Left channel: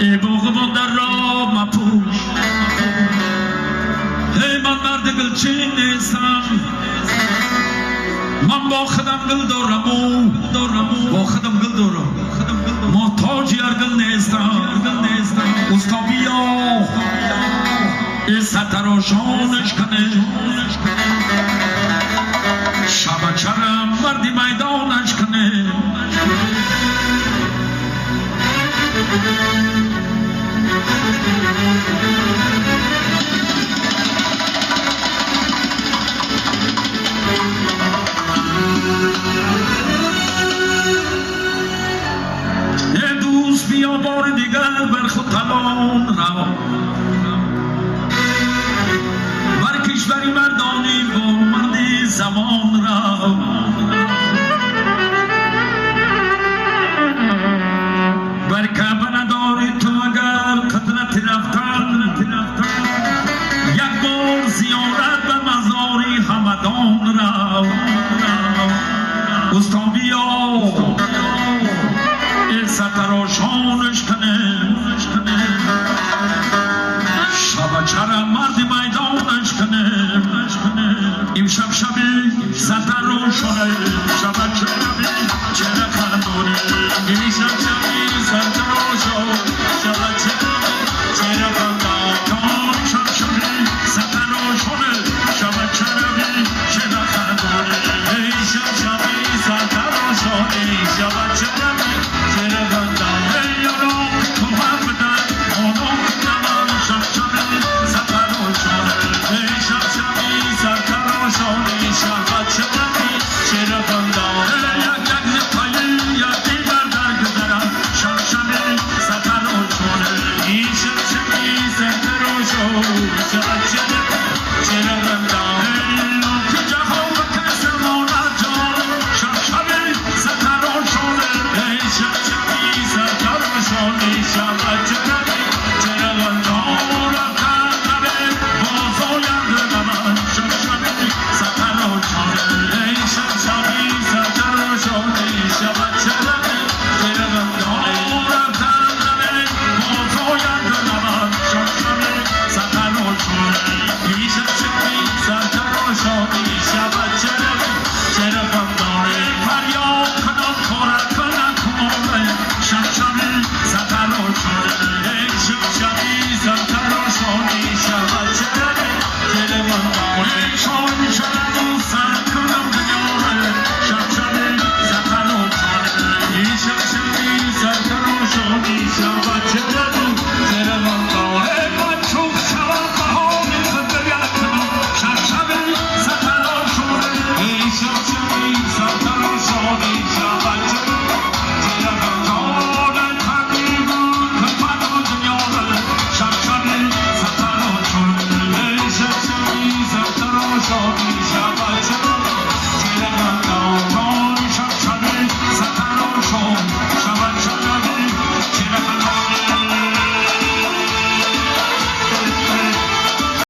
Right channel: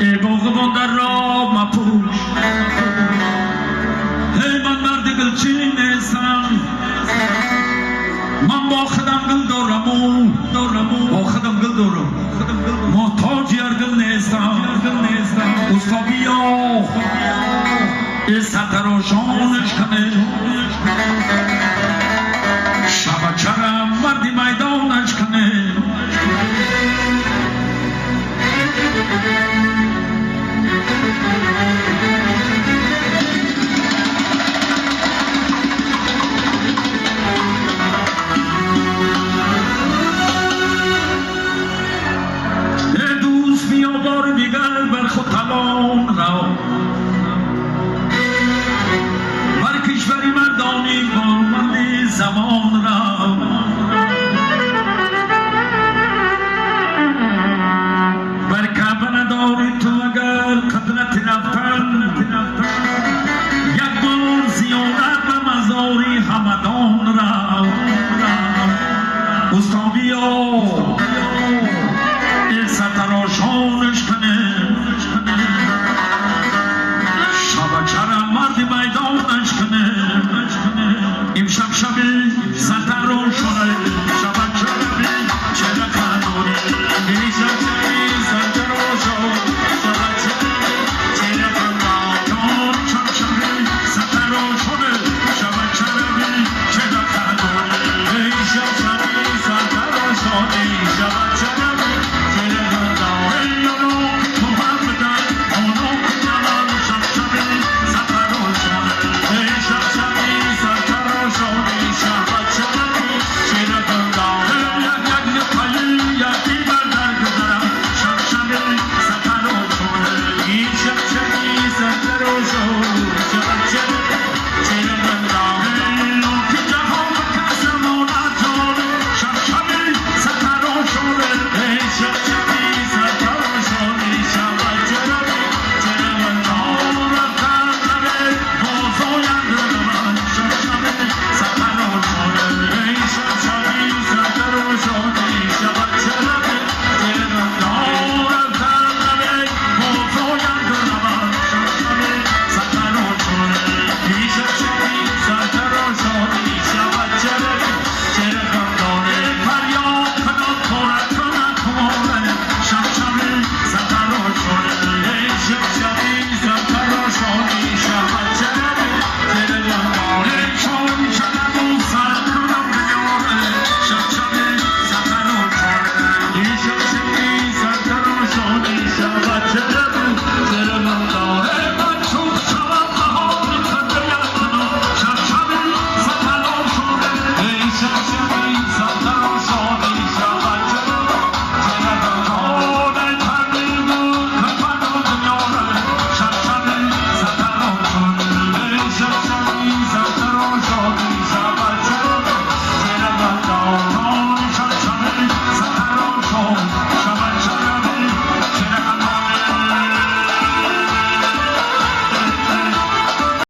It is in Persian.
ای باغبان در راه مپوش ای من مرد گلچین نیستم من با خودم گل دارم با خودم گل دارم محتاج هر گل نیستم استا بیا ای سرتراشانش کنه شبکرم مردی میدانش کنه ای دوست بیا بار دیگر بر خود تلان را بر کشوری مردانی با مردی زمان را بر کعبه نداری تو اگر قدرت رفتن یک بار زیارت به مزاری همدان را استا بیا ای سرتراشانش کنه شبچرم مردی میدانش کنه امشب شبی سرتراشانه شبچرمی چه نخندونه امشب شبی سرتراشانه شبچرمی چه نخندونه امشب شبی سرتراشانه شبچرمی چه نخندونه امشب شبی سرتراشانه شبچرمی چه نخندونه یارو تو هم بدن آنو کنم شب شبی سرتراشانه امشب شبی سرتراشانه شبچرمی چه نخندونه Shall